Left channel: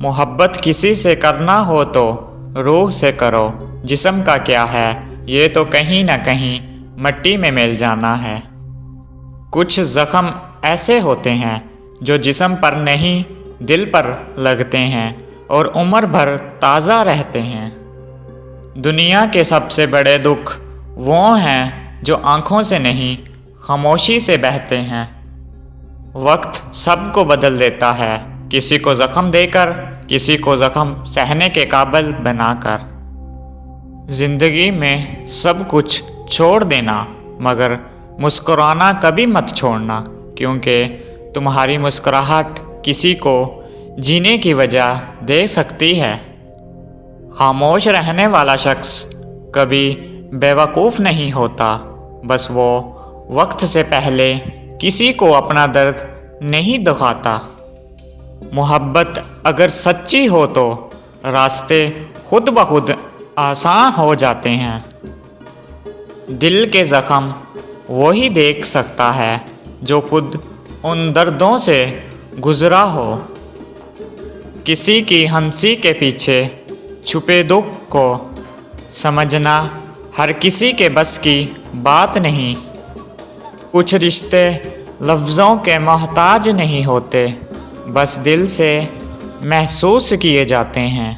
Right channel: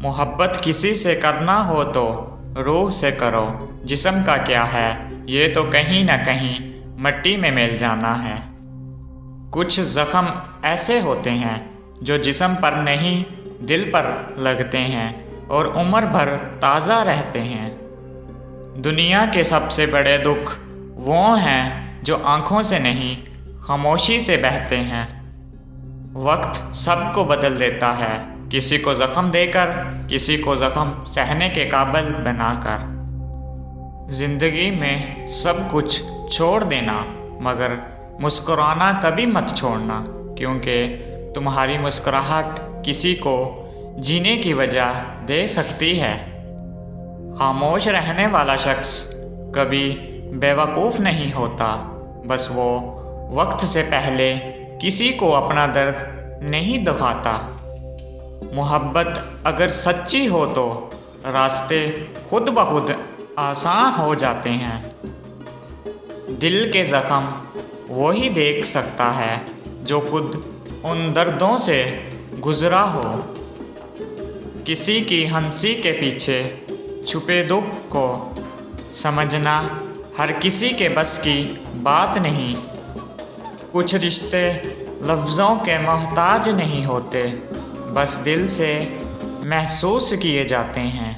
मोहब्बत किसी से करना हो तो रूह से करो, जिस्म का क्या है ये तो कहीं ना कहीं मिट्टी में मिल जाना है। कुछ ज़ख्म ऐसे होते हैं जो जिस्म पर नहीं दिल पर लगते हैं और उम्र भर ताज़ा रहते हैं। दुनिया के सबसे बड़े दुख वो हैं जो आँखों से नहीं खामोशी से बहते हैं। वक्त सबको बदल देता है, किसी को ज़ख्म देकर, किसी को ज़ख्म सहने के काबिल बनाकर। ज़िंदगी में सब कुछ छोड़ देना मगर मुस्कुराना कभी मत छोड़ना, क्योंकि तुम्हारी मुस्कुराहट किसी को जीने की वजह दे सकती है। खामोश रहने वाला शख्स कभी बेवकूफ़ नहीं होता, बस वो वक्त से पहले किसी को अपना दर्द नहीं दिखाता। मोहब्बत अगर सच्ची हो तो रास्ते खुद ब खुद आसान हो जाते हैं। दिल के ज़ख्म वही देख सकता है जो खुद उन दर्दों से गुज़रा हो। किसी की हंसी के पीछे छुपे दुख को समझना हर किसी के बस की बात नहीं। कुछ रिश्ते लफ्ज़ों के मोहताज नहीं होते, बस दिल से महसूस किए जाते हैं।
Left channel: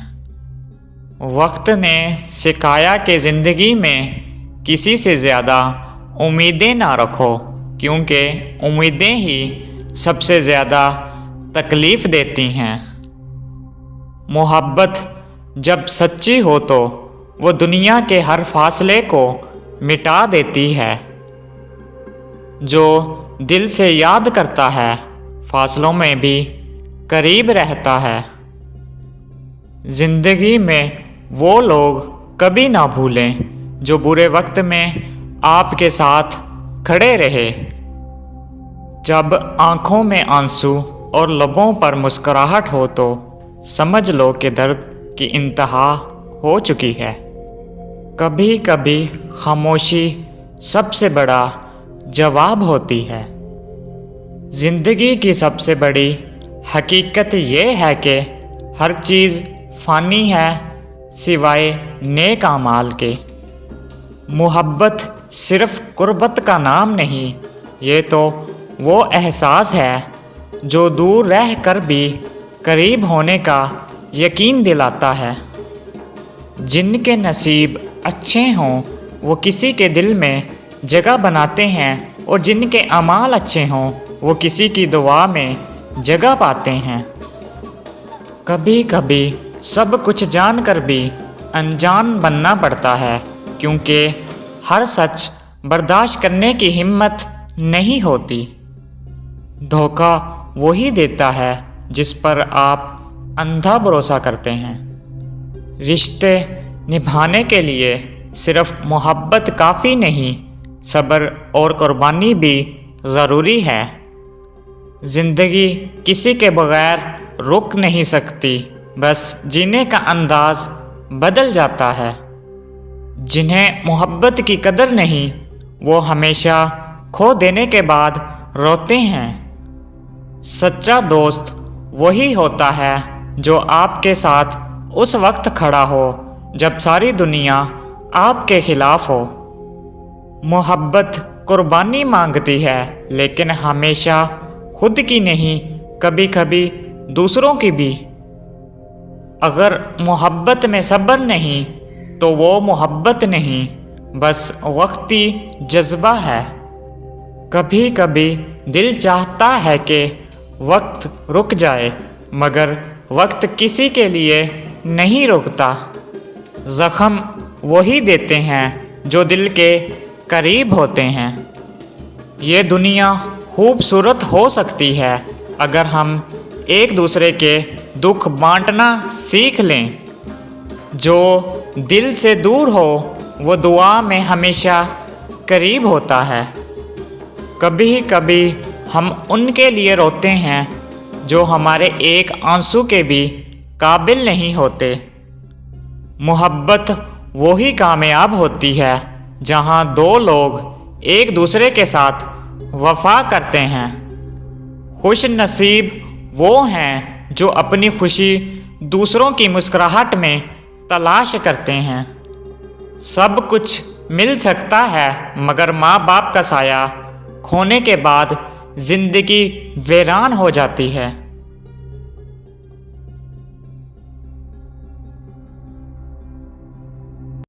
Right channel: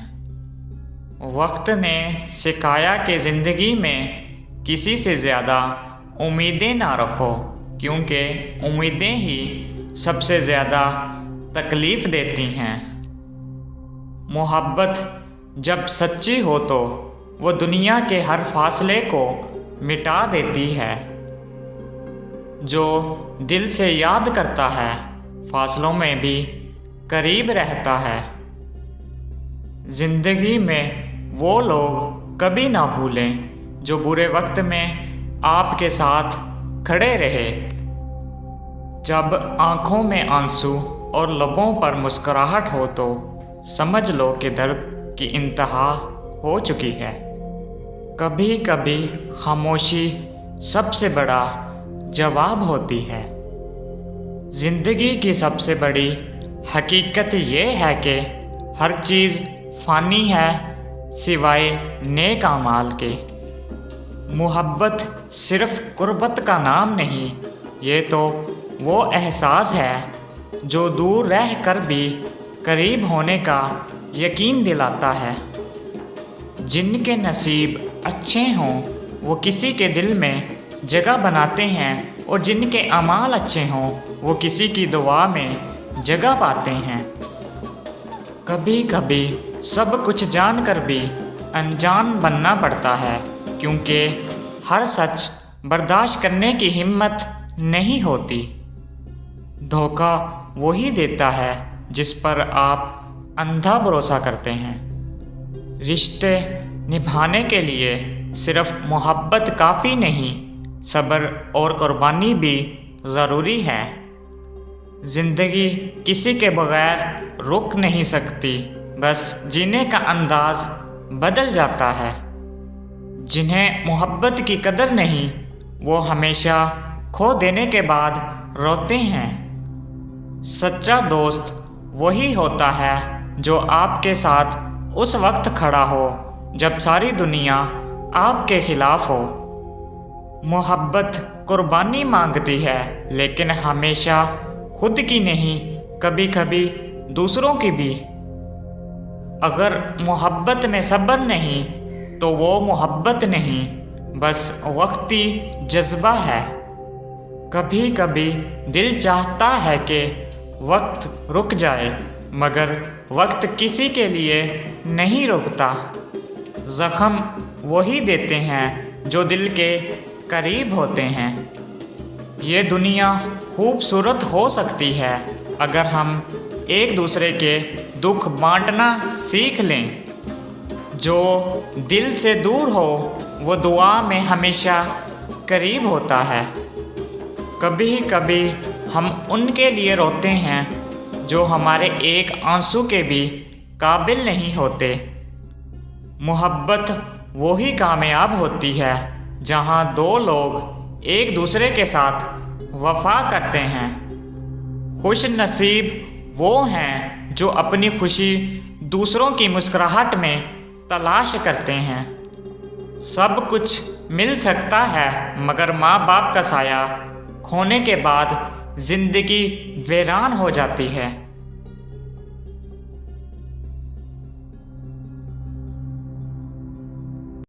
वक्त ने सिखाया कि ज़िंदगी में किसी से ज़्यादा उम्मीदें ना रखो, क्योंकि उम्मीदें ही सबसे ज़्यादा तकलीफ़ देती हैं। मोहब्बत जब सच्ची हो तो वो दुनिया के हर फासले को मिटा देती है। जो दिल से याद करता है फासलों में भी करीब रहता है। ज़िंदगी में वो लोग कभी ना भूलें जो बुरे वक्त में आपके साथ खड़े रहे। जब आँखों में आंसू और लबों पर मुस्कुराहट हो तो समझ लो कि दर्द की इंतहा हो चुकी है। कभी कभी खामोशी सबसे बड़ा जवाब होती है। ज़िंदगी की सबसे बड़ी हकीकत ये है कि हर चीज़ फ़ानी है सिवाय नेक अमाल के। मोहब्बत सिर्फ़ कुर्बत का नाम नहीं, ये तो वो एहसास है जो दूर रह कर भी करीब होने का यकीन दिलाता है। जिनके नसीब अच्छे हों वो किसी के दिल में जगह बनाते हैं, और जिनके अमाल अच्छे हों वो किसी की दुआ में जगह पाते हैं। कभी कभी सब कुछ जानकर भी अनजान बनना पड़ता है, क्योंकि हर सच बर्दाश्त करने की हिम्मत नहीं होती। धोखा वही देता है जिस पर आप अंधा भरोसा करते हैं। रिश्ते निभाने के लिए सिर्फ मोहब्बत काफ़ी नहीं, सब्र और कुर्बानी भी ज़रूरी है। ज़िंदगी किसी के बगैर रुक नहीं सकती, बस जीने का अंदाज़ बदल जाता है। जिन्हें मोहब्बत की कदर नहीं वो हमेशा खो देने के बाद रोते हैं। सच्चा दोस्त वही होता है जो आपके साथ उस वक्त खड़ा हो जब सारी दुनिया आपके खिलाफ हो। मोहब्बत कुर्बानी मांगती है, लेकिन हमेशा खुद की नहीं, कभी कभी दूसरों की भी। अगर मोहब्बत में सब्र नहीं तो वो मोहब्बत नहीं, बस वक्ती जज्बा है। कभी कभी दिल चाहता है कि वक्त रुक जाए, मगर वक्त किसी के लिए नहीं रुकता। ज़ख्म वही देते हैं जो दिल के करीब होते हैं। ये दुनिया खूबसूरत हो सकती है अगर हम एक दूसरे के दुख बांटना सीख लें। जो दिल से दूर हो वो दुआ में हमेशा करीब होता है। कभी कभी हम उनके लिए रोते हैं जो हमारे एक आंसू के भी काबिल नहीं होते। मोहब्बत वही कामयाब होती है जहाँ दो लोग एक दूसरे के साथ वफा करते हैं। खुश नसीब وہ ہیں جو اپنی خوشی دوسروں کی مسکراہٹ میں تلاش کرتے ہیں۔ سب کچھ مل سکتا ہے مگر ماں باپ کا سایہ کھونے کے بعد زندگی ویران ہو جاتی ہے۔